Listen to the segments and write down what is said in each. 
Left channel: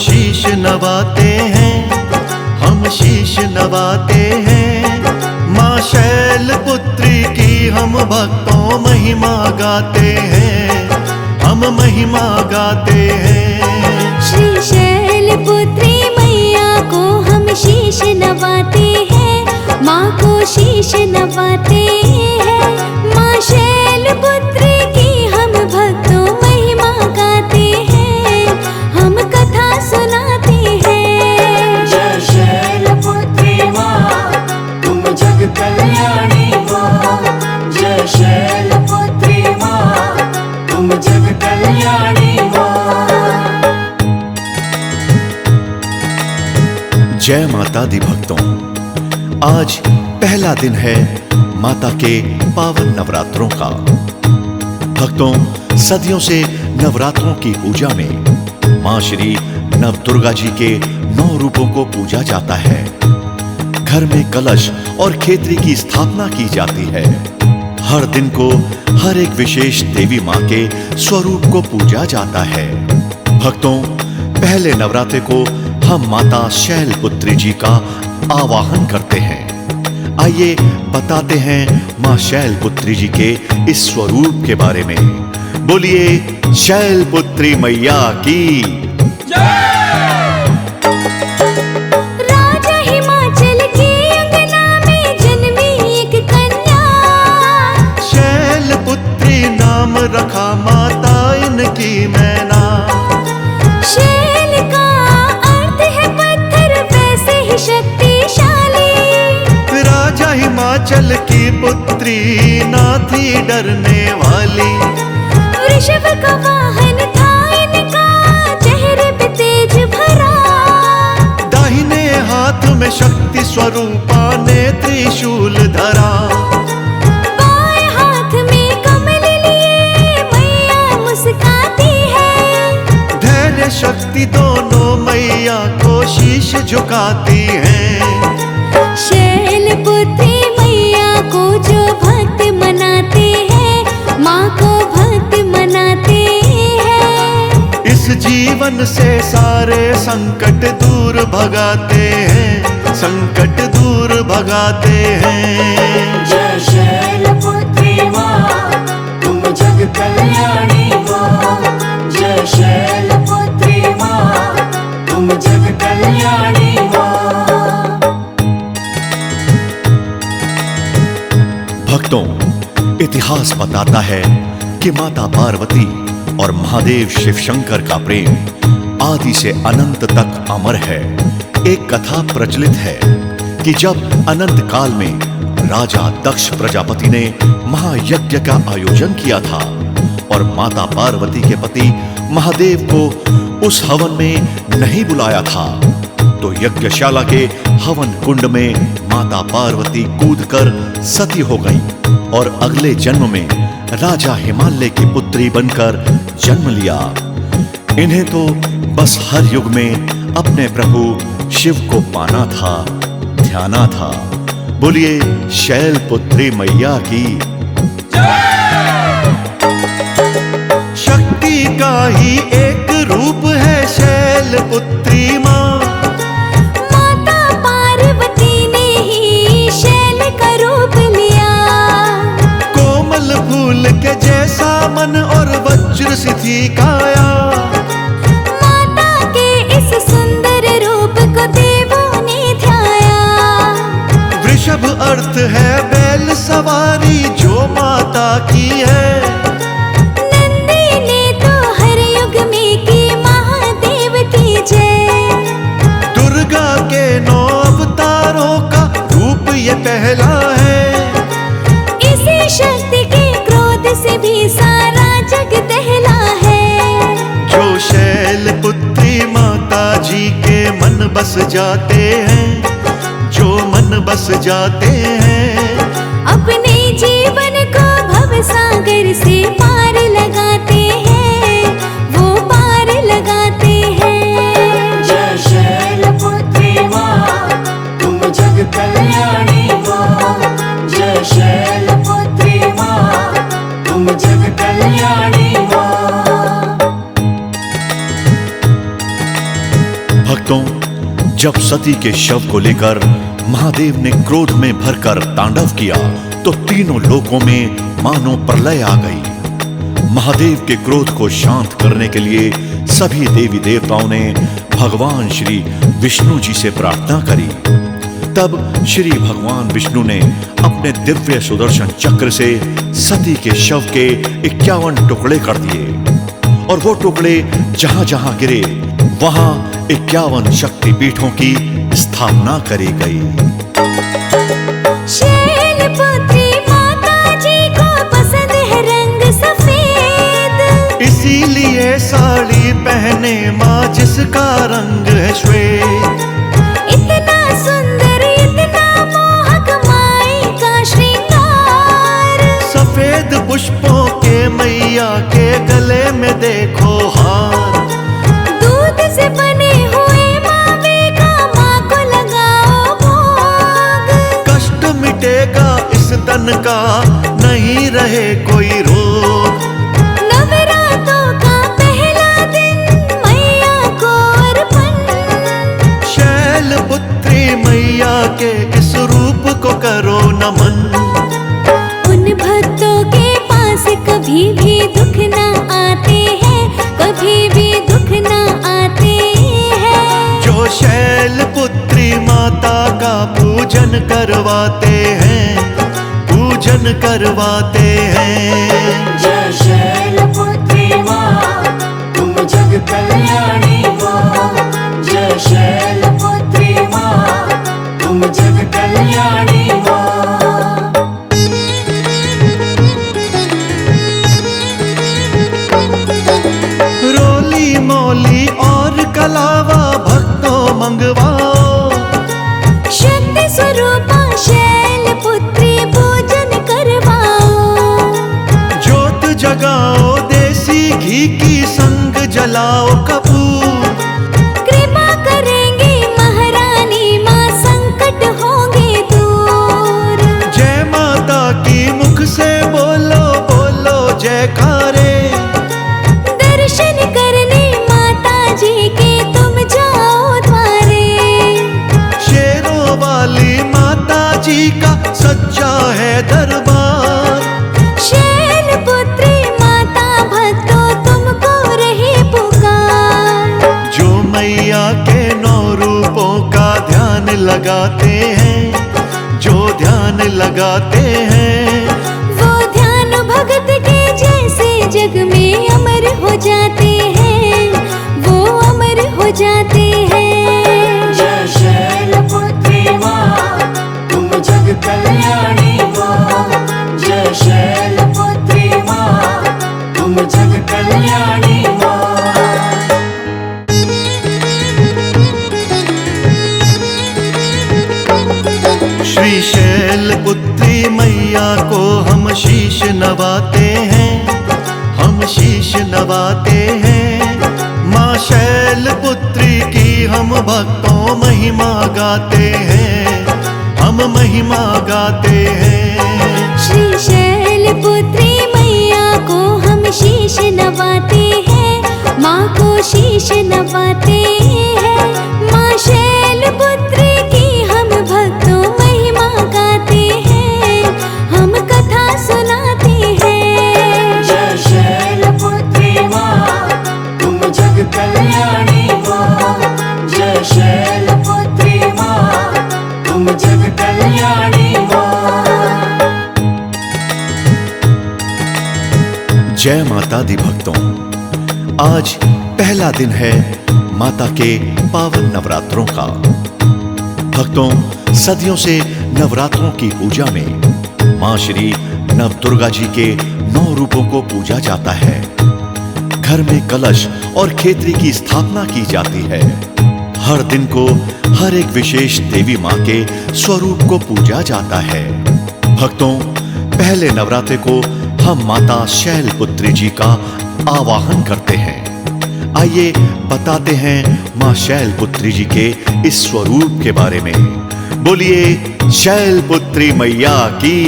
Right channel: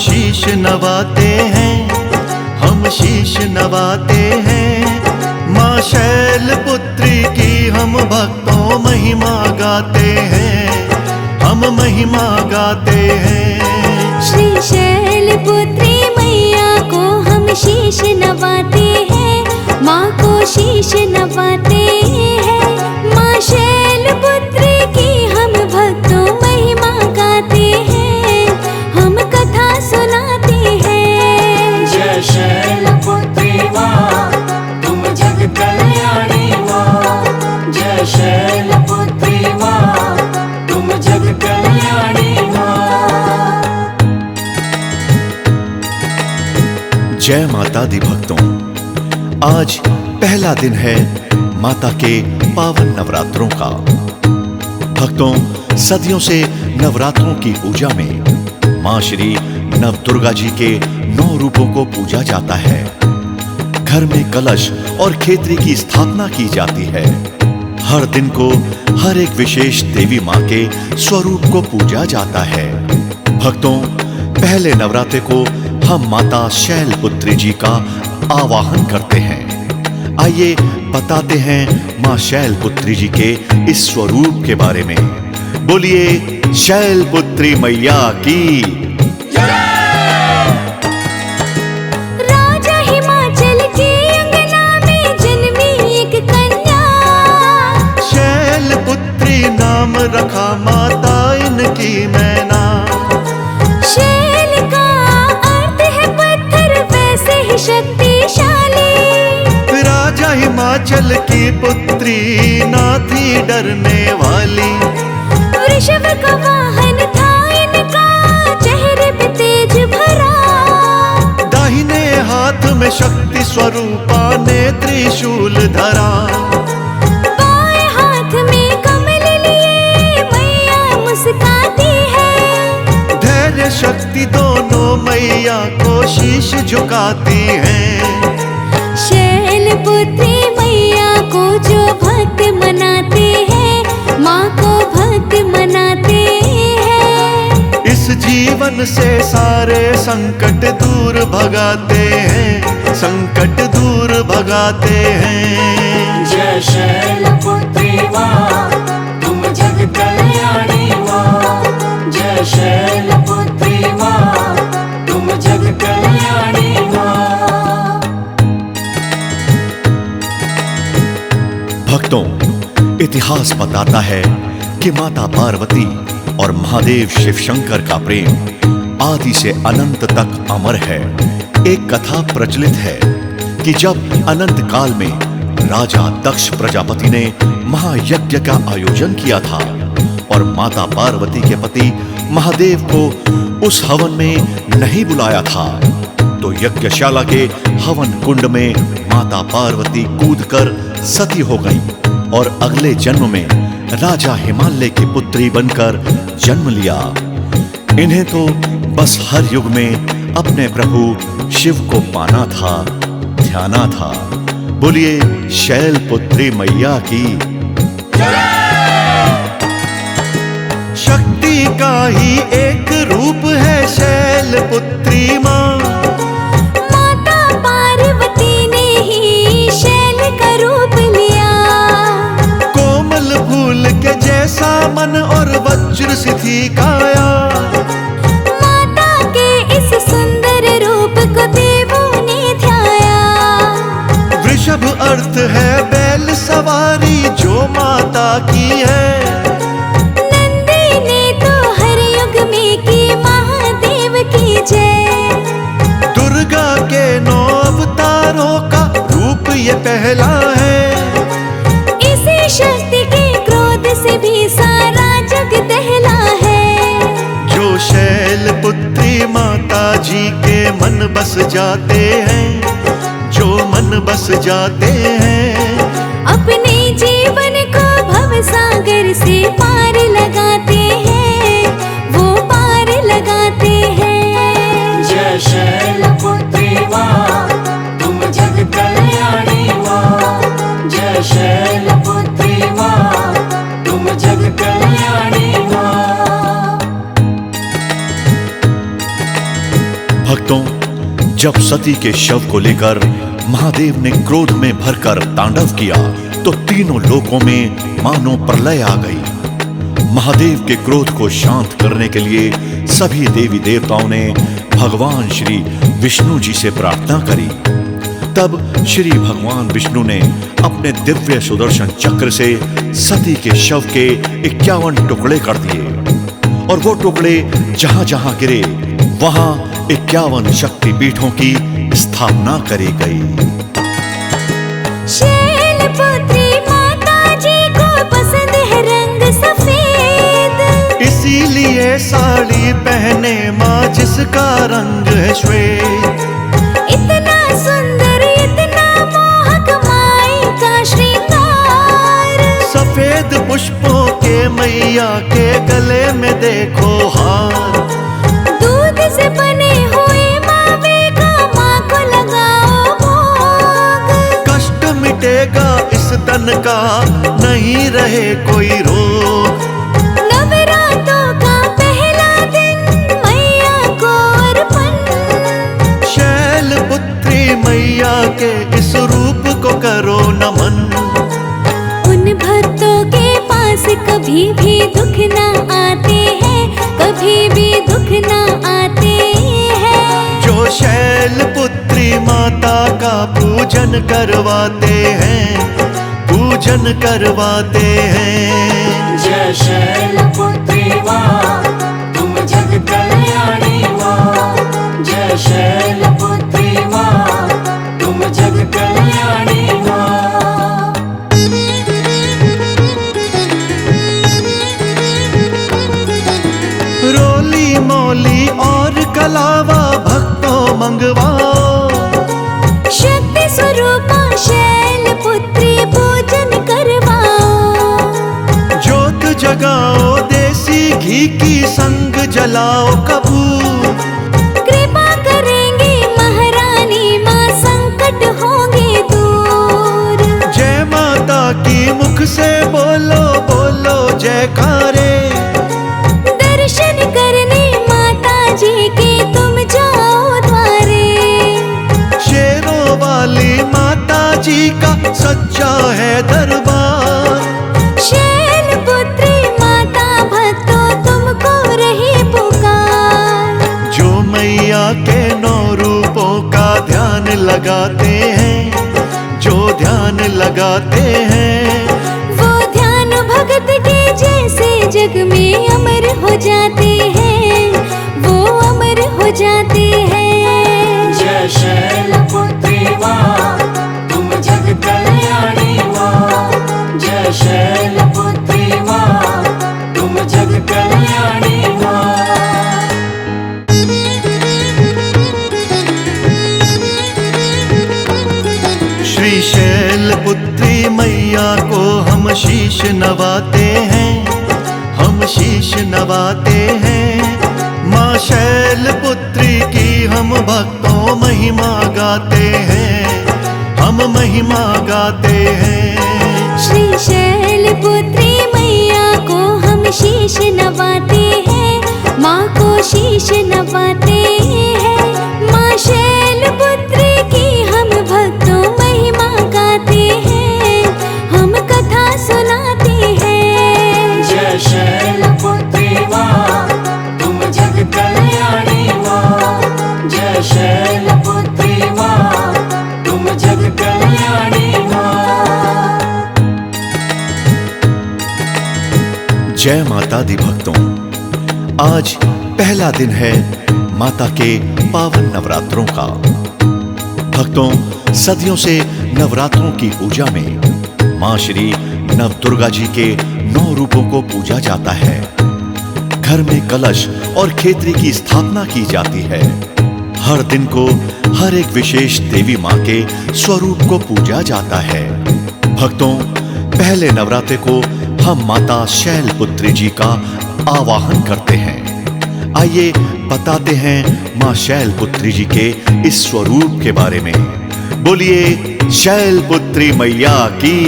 शीश नवाते हैं, हम शीश नवाते हैं। माँ शैलपुत्री की हम भक्तों महिमा गाते हैं, हम महिमा गाते हैं। श्री शैलपुत्री मैया को हम शीश नवाते हैं, माँ को शीश नवाते हैं। माँ शैलपुत्री की हम भक्तों महिमा गाते हैं, हम कथा सुनाते हैं। जय शैलपुत्री माँ, तुम जग कल्याणी माँ। जय शैलपुत्री माँ, तुम जग कल्याणी माँ। जय माता दी भक्तों, आज पहला दिन है माता के पावन नवरात्रों का। भक्तों, सदियों से नवरात्रों की पूजा में माँ श्री नव दुर्गा जी के 9 रूपों को पूजा जाता है। घर में कलश और खेतरी की स्थापना की जाती है। हर दिन को हर एक विशेष देवी माँ के स्वरूप को पूजा जाता है। भक्तों, पहले नवरात्रे को हम माता शैलपुत्री जी का आवाहन करते हैं। आइए बताते हैं माँ शैलपुत्री जी के इस स्वरूप के बारे में। बोलिए शैलपुत्री मैया की। राजा हिमाचल के अंगना में जन्मी एक कन्या, शैलपुत्री नाम रखा माता इनकी मैना। शैल का अर्थ है पत्थर, वैसे ही शक्तिशाली। राजा हिमाचल की पुत्री ना थी डरने वाली। वृषभ का वाहन था इनका, चेहरे पे तेज भरा। दाहिने हाथ में शक्ति स्वरूपा ने त्रिशूल धरा। बाएं हाथ में कमल लिए मैया मुस्काती है। धैर्य शक्ति दोनों मैया को शीश झुकाती हैं। शैलपुत्री मैया को जो भक्त मनाते हैं, माँ को भक्त मनाते हैं। इस जीवन से सारे संकट दूर भगाते हैं, संकट दूर भगाते हैं। जय शैलपुत्री माँ, तुम जग कल्याणी माँ। जय शैलपुत्री माँ, तुम जग कल्याणी माँ। भक्तों, इतिहास बताता है कि माता पार्वती और महादेव शिव शंकर का प्रेम आदि से अनंत तक अमर है। एक कथा प्रचलित है कि जब अनंत काल में राजा दक्ष प्रजापति ने महायज्ञ का आयोजन किया था और माता पार्वती के पति महादेव को उस हवन में नहीं बुलाया था, तो यज्ञशाला के हवन कुंड में माता पार्वती कूदकर सती हो गईं और अगले जन्म में राजा हिमालय की पुत्री बनकर जन्म लिया। इन्हें तो बस हर युग में अपने प्रभु शिव को पाना था, ध्याना था। बोलिए शैलपुत्री मैया की। शक्ति का ही एक रूप है शैलपुत्री माँ। माता पार्वती ने ही शैल का रूप लिया। कोमल फूल के जैसा मन और वज्र सी थी काया। माता के इस सुंदर रूप को देवों ने ध्याया। वृषभ अर्थ है बैल सवारी जो माता की है। नंदी ने तो हर युग में की महादेव की जय। दुर्गा के 9 अवतारों का रूप ये पहला है। इसी शक्ति के क्रोध से भी सारा जग दहला है। जो शैलपुत्री माता जी के मन बस जाते हैं, जो मन बस जाते हैं, अपने जीवन को भव सागर से पार लगाते हैं, वो पार लगाते हैं। जय शैलपुत्री माँ, तुम जग कल्याणी माँ। जय शैलपुत्री माँ, तुम जग कल्याणी माँ। जब सती के शव को लेकर महादेव ने क्रोध में भरकर तांडव किया तो तीनों लोकों में मानो प्रलय आ गई। महादेव के क्रोध को शांत करने के लिए सभी देवी देवताओं ने भगवान श्री विष्णु जी से प्रार्थना करी। तब श्री भगवान विष्णु ने अपने दिव्य सुदर्शन चक्र से सती के शव के 51 टुकड़े कर दिए और वो टुकड़े जहां जहां गिरे वहां 51 शक्तिपीठों की स्थापना करी गई। शैलपुत्री माता जी को पसंद है रंग सफेद, इसीलिए साड़ी पहने माँ जिसका रंग है श्वेत। इतना सुंदर इतना मोहक माई का श्रृंगार, सफेद पुष्पों के मैया के गले में देखो हार। दूध से बने हुए मावे का माँ को लगाओ भोग, कष्ट मिटेगा इस तन का नहीं रहे कोई रोग। नवरात्रों का पहला दिन मैया को अर्पण, शैलपुत्री मैया के इस रूप को करो नमन। उन भक्तों के पास कभी भी दुख ना आते हैं, कभी भी दुख ना आते हैं। जो शैलपुत्री माता का पूजन करवाते हैं, पूजन करवाते हैं। जय शैलपुत्री माँ तुम जग कल्याणी माँ। जय शैलपुत्री माँ तुम जग कल्याणी माँ। रोली मोली और कलावा भक्तों मंगवाओ, शक्ति स्वरूपा शैलपुत्री पूजन करवाओ। ज्योत जगाओ देसी घी की संग जलाओ कपूर। कृपा करेंगे महारानी माँ संकट होंगे दूर। जय माता की मुख से बोलो बोलो जयकारे। दर्शन करने माता जी के तुम जाओ द्वारे, शेरों वाली माता जी का सच्चा है दरबार। शैलपुत्री माता भक्तों तुमको रही पुकार। जो मैया के 9 रूपों का ध्यान लगाते हैं, जो ध्यान लगाते हैं, वो ध्यान भगत के जैसे जग में अमर हो जाते हैं, वो अमर हो जाते हैं। जय शैलपुत्री माँ तुम जग कल्याणी माँ। जय शैलपुत्री माँ तुम जग कल्याणी माँ। श्री शैलपुत्री मैया को हम शीश नवाते हैं, हम शीश नवाते हैं। माँ शैलपुत्री की हम भक्तों महिमा गाते हैं, हम महिमा गाते हैं। श्री शैलपुत्री मैया को हम शीश नवाते हैं, माँ को शीश नवाते हैं। माँ शैलपुत्री की हम भक्तों महिमा गाते हैं, हम कथा सुनाते हैं। जय शैलपुत्री माँ तुम जग कल्याणी माँ। जय शैलपुत्री माँ तुम जग कल्याणी माँ। जय माता दी भक्तों, आज पहला दिन है माता के पावन नवरात्रों का। भक्तों, सदियों से नवरात्रों की पूजा में मां श्री नव दुर्गा जी के 9 रूपों को पूजा जाता है। घर में कलश और खेतरी की स्थापना की जाती है। हर दिन को हर एक विशेष देवी मां के स्वरूप को पूजा जाता है। भक्तों, पहले नवरात्रे को हम माता शैलपुत्री जी का आवाहन करते हैं। आइए बताते हैं मां शैलपुत्री जी के इस स्वरूप के बारे में। बोलिए शैलपुत्री मैया की।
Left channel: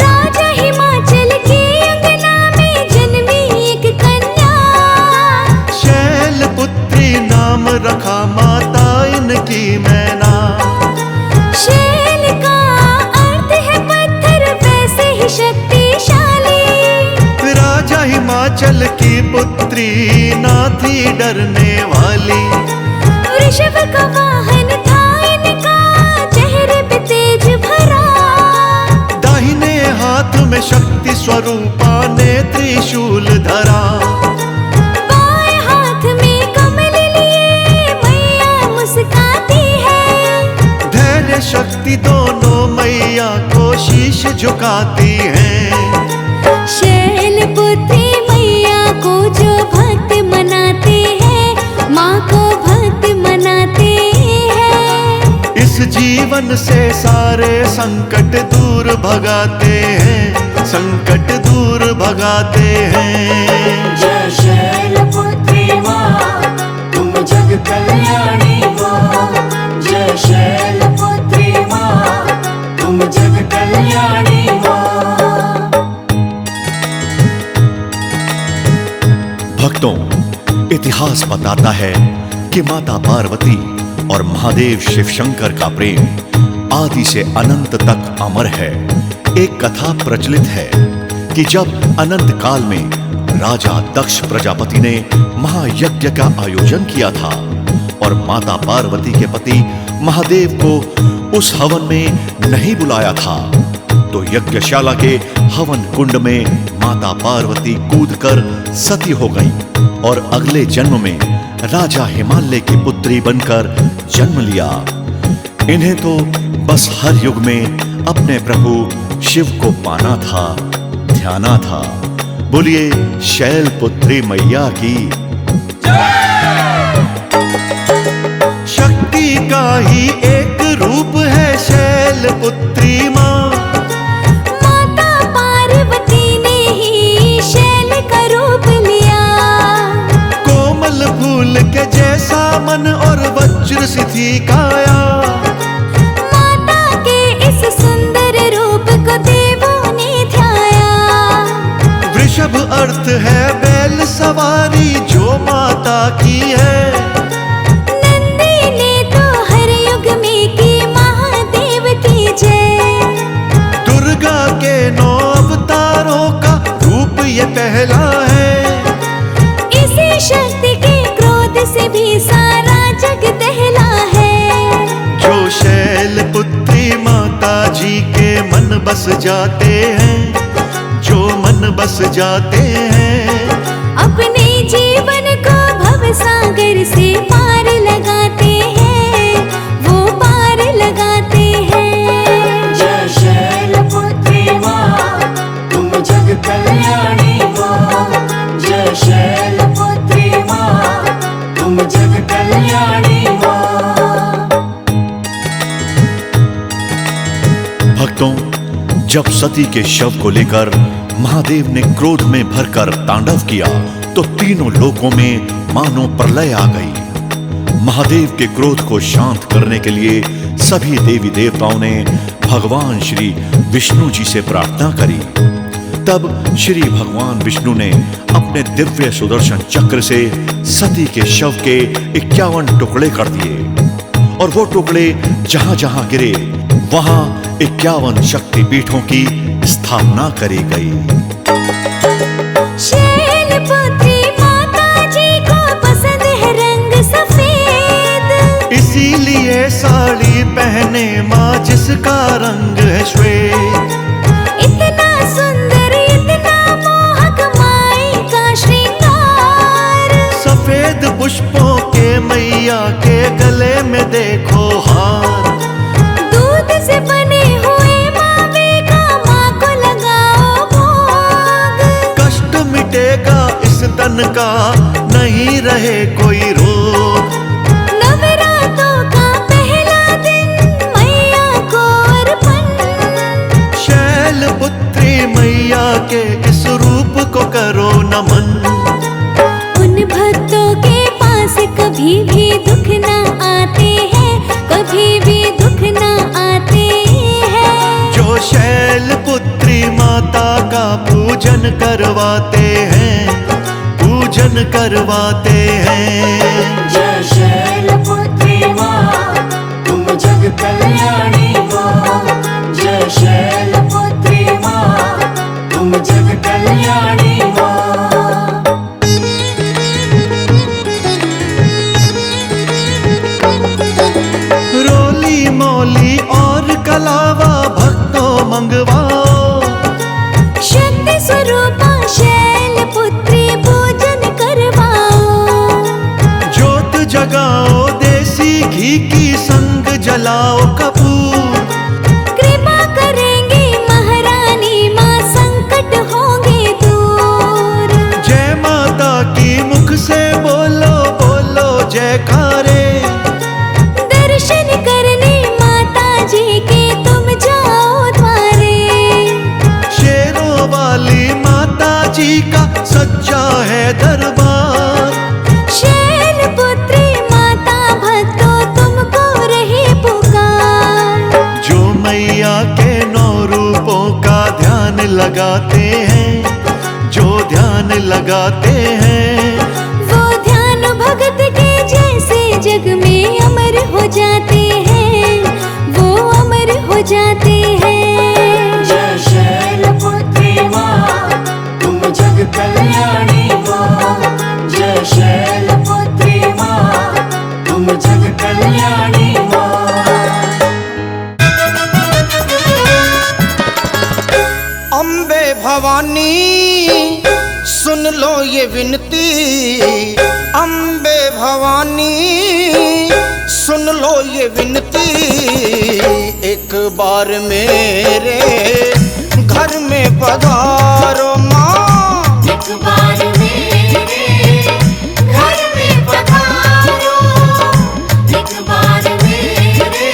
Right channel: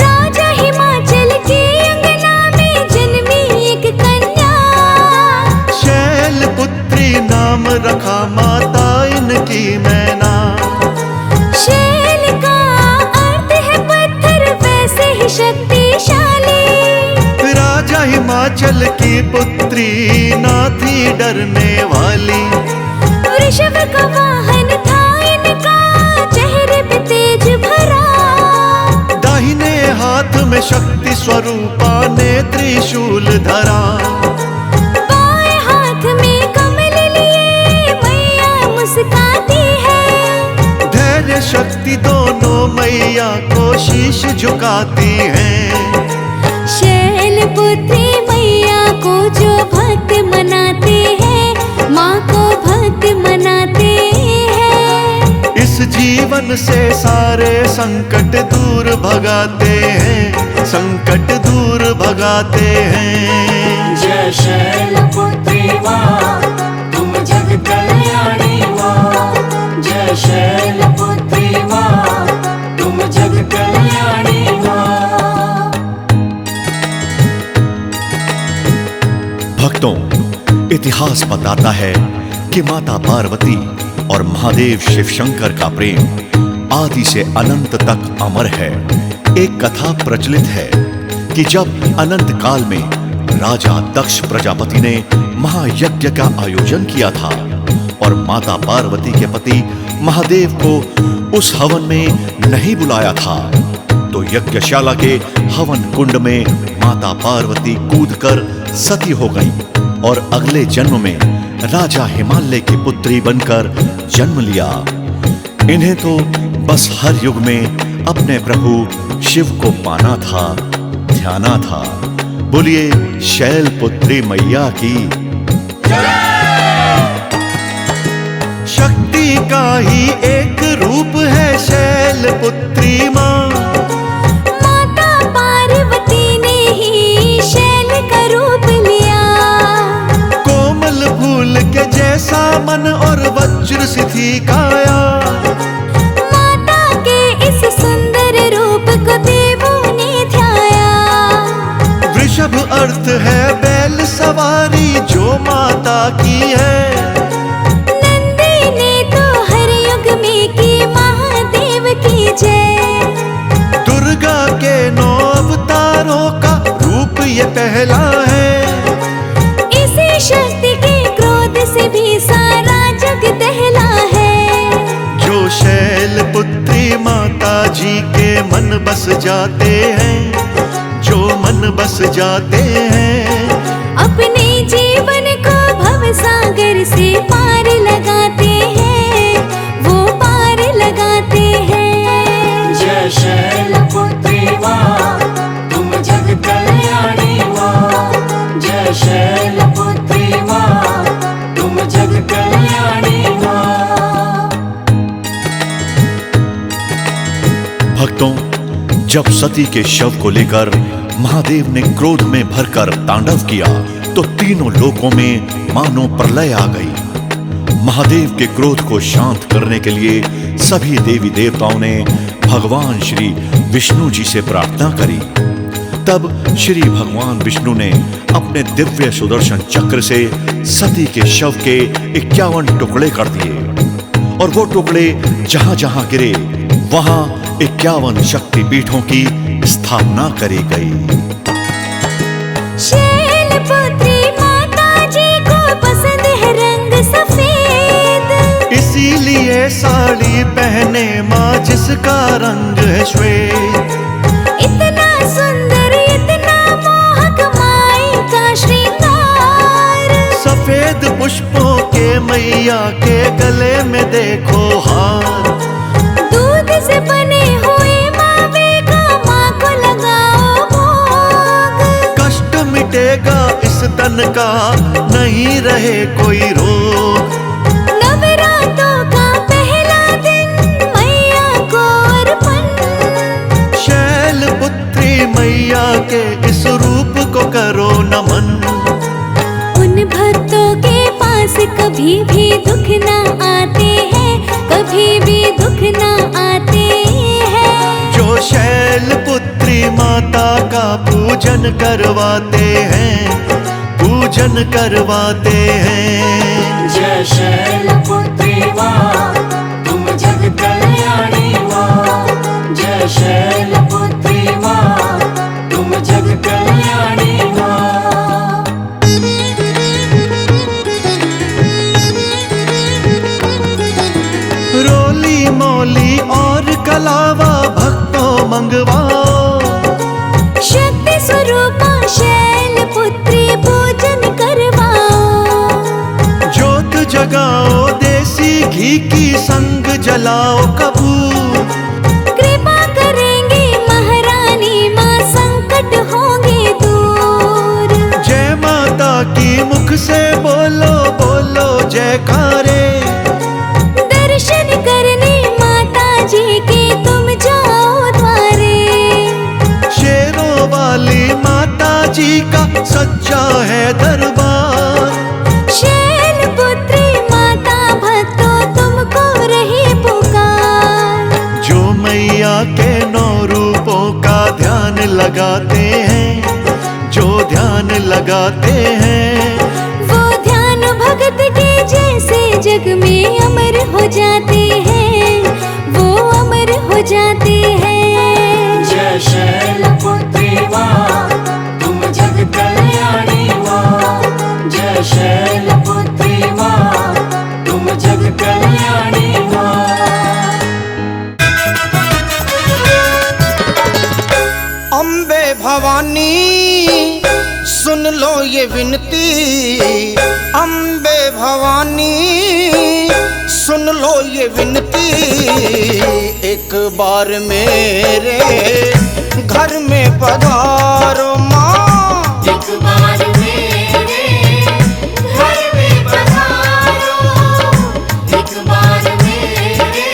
राजा हिमाचल के अंगना में जन्मी एक कन्या, शैलपुत्री की मैना। शैल का अर्थ है पत्थर, वैसे ही शक्तिशाली। राजा हिमाचल की पुत्री ना थी डरने वाली। वृषभ का वाहन था इनका, चेहरे पे तेज भरा। दाहिने हाथ में शक्ति स्वरूपा ने त्रिशूल धरा। बाएं हाथ में कमल लिए मैया मुस्काती है। धैर्य शक्ति दोनों मैया को शीश झुकाती हैं। शैल पुत्री मैया को जो भक्त मनाते हैं, माँ को भक्त मनाते हैं। इस जीवन से सारे संकट दूर भगाते हैं, संकट दूर भगाते हैं। जय शैलपुत्री माँ, तुम जग कल्याणी माँ। जय शैलपुत्री माँ, तुम जग कल्याणी माँ। भक्तों, इतिहास बताता है कि माता पार्वती और महादेव शिव शंकर का प्रेम आदि से अनंत तक अमर है। एक कथा प्रचलित है कि जब अनंत काल में राजा दक्ष प्रजापति ने महायज्ञ का आयोजन किया था और माता पार्वती के पति महादेव को उस हवन में नहीं बुलाया था, तो यज्ञशाला के हवन कुंड में माता पार्वती कूदकर सती हो गईं और अगले जन्म में राजा हिमालय की पुत्री बनकर जन्म लिया। इन्हें तो बस हर युग में अपने प्रभु शिव को पाना था, ध्याना था। बोलिए शैल पुत्री मैया की। शक्ति का ही एक रूप है शैल पुत्री माँ। माता पार्वती ने ही शैल का रूप लिया। कोमल फूल के जैसा मन और वज्र सी थी काया। माता के इस सुंदर रूप को देवों ने ध्याया। वृषभ अर्थ है बैल सवारी जो माता की है। नंदी ने तो हर युग में की महादेव की जय। दुर्गा के 9 अवतारों का रूप ये पहला है। इसी शक्ति के क्रोध से भी सारा जग दहला है। जो शैल पुत्री माता जी के मन बस जाते हैं, जो मन बस जाते हैं। अपने जीवन को भव सागर से पार लगाते हैं, वो पार लगाते हैं। जय शैलपुत्री माँ, तुम जग कल्याणी माँ। जय शैलपुत्री माँ, तुम जग कल्याणी माँ। भक्तों, जब सती के शव को लेकर महादेव ने क्रोध में भरकर तांडव किया तो तीनों लोकों में मानो प्रलय आ गई। महादेव के क्रोध को शांत करने के लिए सभी देवी देवताओं ने भगवान श्री विष्णु जी से प्रार्थना करी। तब श्री भगवान विष्णु ने अपने दिव्य सुदर्शन चक्र से सती के शव के 51 टुकड़े कर दिए और वो टुकड़े जहां जहां गिरे वहां 51 शक्तिपीठों की स्थापना करी गई। शैलपुत्री माता जी को पसंद है रंग सफेद। इसीलिए साड़ी पहने माँ जिसका रंग है श्वेत। इतना सुंदर इतना मोहक माई का श्रृंगार। सफेद पुष्पों के मैया के गले में देखो हार। दूध से बने हुए मावे का माँ को लगाओ भोग। कष्ट मिटेगा इस तन का, नहीं रहे कोई रोग। नवरात्रों का पहला दिन मैया को अर्पण। शैल पुत्री मैया के इस रूप को करो नमन। उन भक्तों के पास कभी भी दुख ना आते हैं, कभी भी दुख ना आते हैं। जो शैल पुत्री माता का पूजन करवाते हैं, पूजन करवाते हैं। जय शैलपुत्री माँ, और कलावा भक्तों मंगवाओ। शक्ति स्वरूपा शैलपुत्री पूजन करवाओ। ज्योत जगाओ देसी घी की संग जलाओ कपूर। कृपा करेंगे महारानी माँ संकट होंगे दूर। जय माता की मुख से बोलो बोलो जयकारे। दर्शन करने माता जी के तुम जाओ द्वारे। शेरों वाली माता जी का सच्चा है दरबार। शैलपुत्री माता भक्तों तुमको रही पुकार। जो मैया के 9 रूपों का ध्यान लगाते हैं, जो ध्यान लगाते हैं, वो ध्यान भगत के जैसे जग में अमर हो जाते हैं, वो अमर हो जाते हैं। जय शैलपुत्री माँ तुम जग कल्याणी माँ। जय शैलपुत्री माँ तुम जग कल्याणी माँ। अम्बे भवानी सुन लो ये विनती। अम्बे भवानी सुन लो ये विनती। एक बार मेरे घर में पधारो माँ। एक बार मेरे घर में पधारो। एक बार मेरे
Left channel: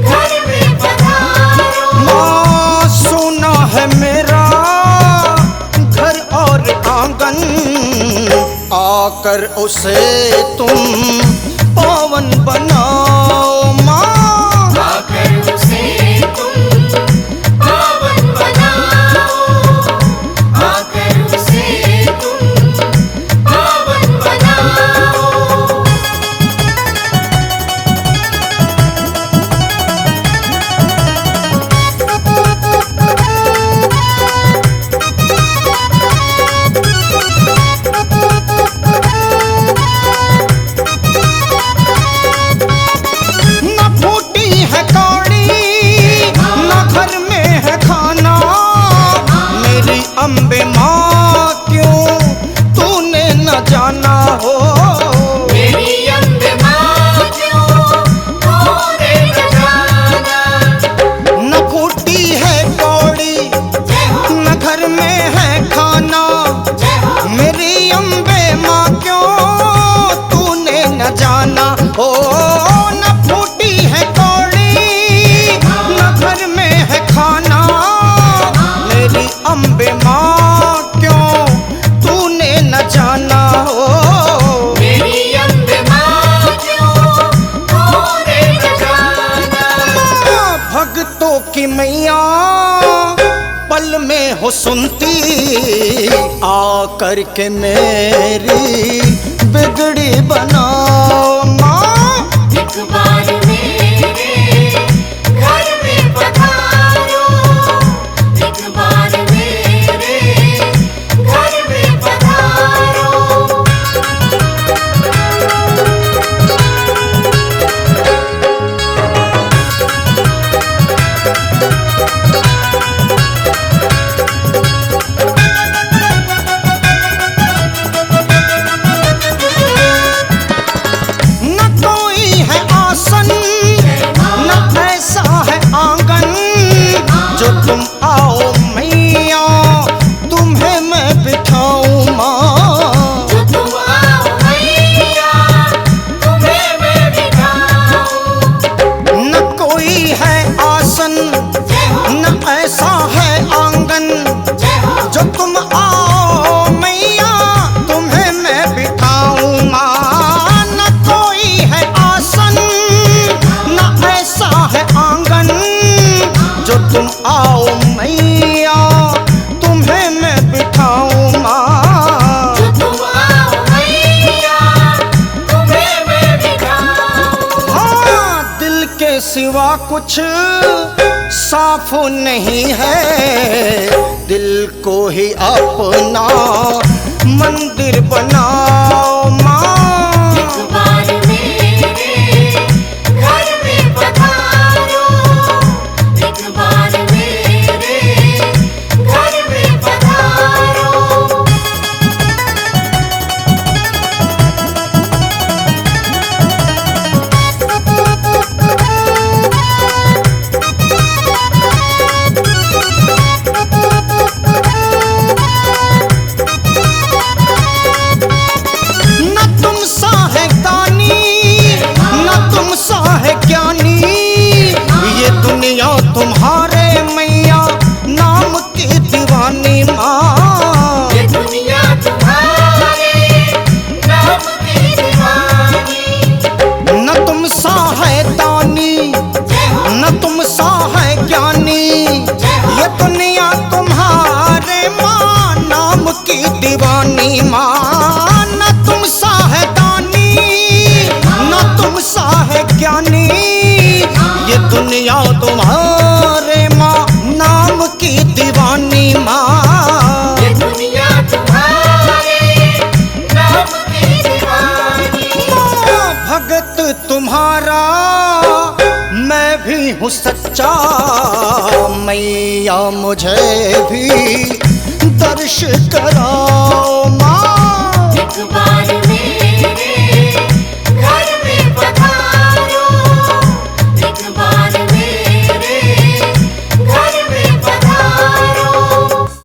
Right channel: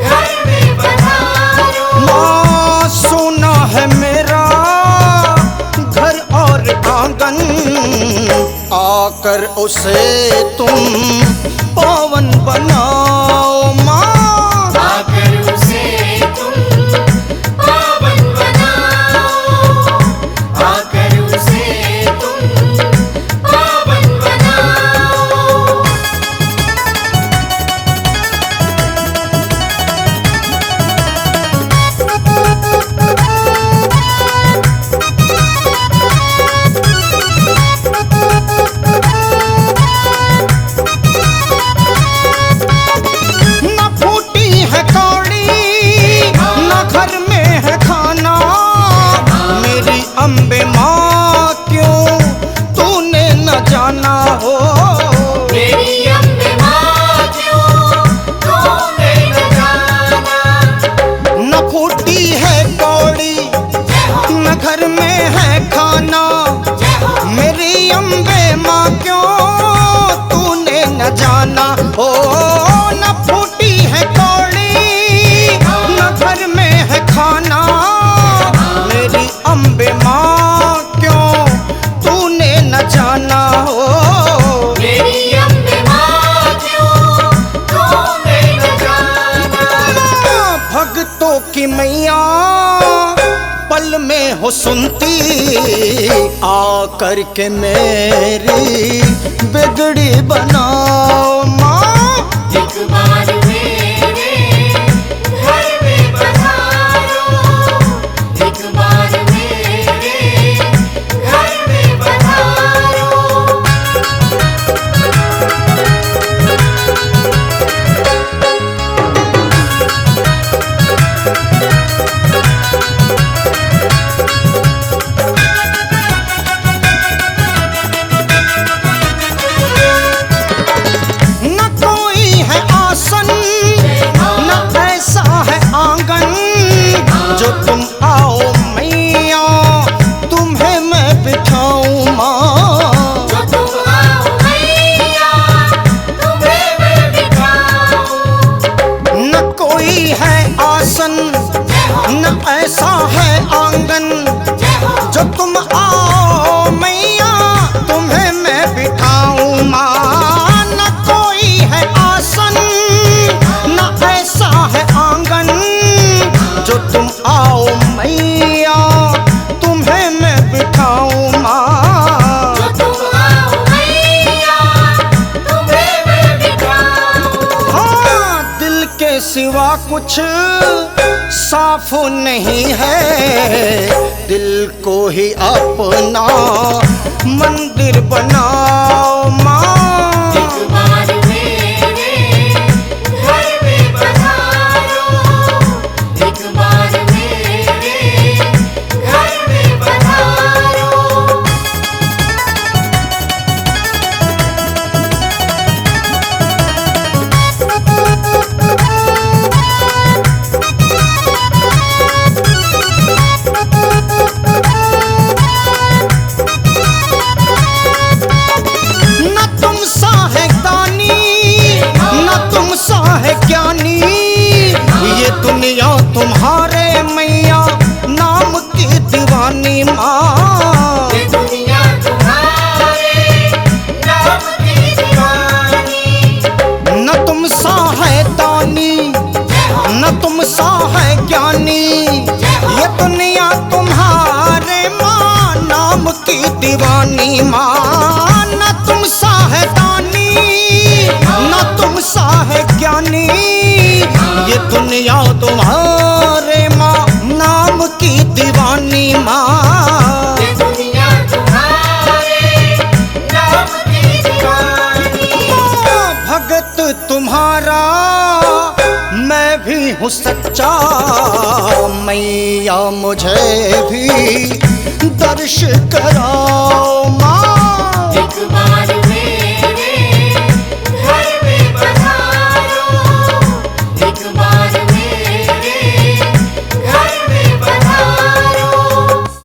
घर में पधारो। माँ सोना है मेरा घर और आंगन। आकर उसे तुम पावन बनाओ माँ। आकर उसे तुम पावन बनाओ। आकर उसे तुम पावन बनाओ। न फूटी है कौड़ी न घर में है खाना। मेरी अम्बे माँ क्यों तूने न जाना हो। मेरी अम्बे माँ क्यों तूने न जाना। न फूटी है कौड़ी न घर में है खाना। मेरी अम्बे माँ क्यों तूने न जाना हो। न फूटी है कौड़ी न घर में है खाना। मेरी अम्बे माँ क्यों तूने न जाना हो। मेरी अम्बे माँ क्यों तूने न जाना। माँ भक्तों की मैया पल में हो सुनती। आकर के मेरी बिगड़ी बनाओ माँ। एक बार मेरे घर में पधारो। एक बार मेरे घर में पधारो। न कोई है आसन न ऐसा है आंगन। जो तुम आओ मैया तुम्हें मैं बिठाऊं माँ। जो तुम आओ मैया तुम्हें मैं बिठाऊं। न कोई है आसन न ऐसा है आंगन। जो तुम आओ मैया तुम्हें मैं बिठाऊं माँ। न कोई है आसन न ऐसा है आंगन। जो तुम आओ मैया तुम्हें मैं बिठाऊं माँ। जो तुम आओ मैया तुम्हें मैं बिठाऊं। हाँ दिल के सिवा कुछ साफ नहीं है। दिल को ही अपना मंदिर बनाओ माँ। एक बार मेरे घर में पधारो। दुनिया तुम्हारे मैया नाम की दीवानी माँ। ये दुनिया तुम्हारे नाम की दीवानी। न तुम सा है दानी न तुम सा है ज्ञानी, ये दुनिया तुम्हारे माँ नाम की दीवानी माँ। न तुम सा है दानी न तुम सा है ज्ञानी, ये दुनिया तुम्हारे माँ नाम की दीवानी माँ। ये दुनिया तुम्हारे नाम की दीवानी। माँ भगत तुम्हारा मैं भी हूँ सच्चा, मैया मुझे भी दर्श कराओ माँ। एक बार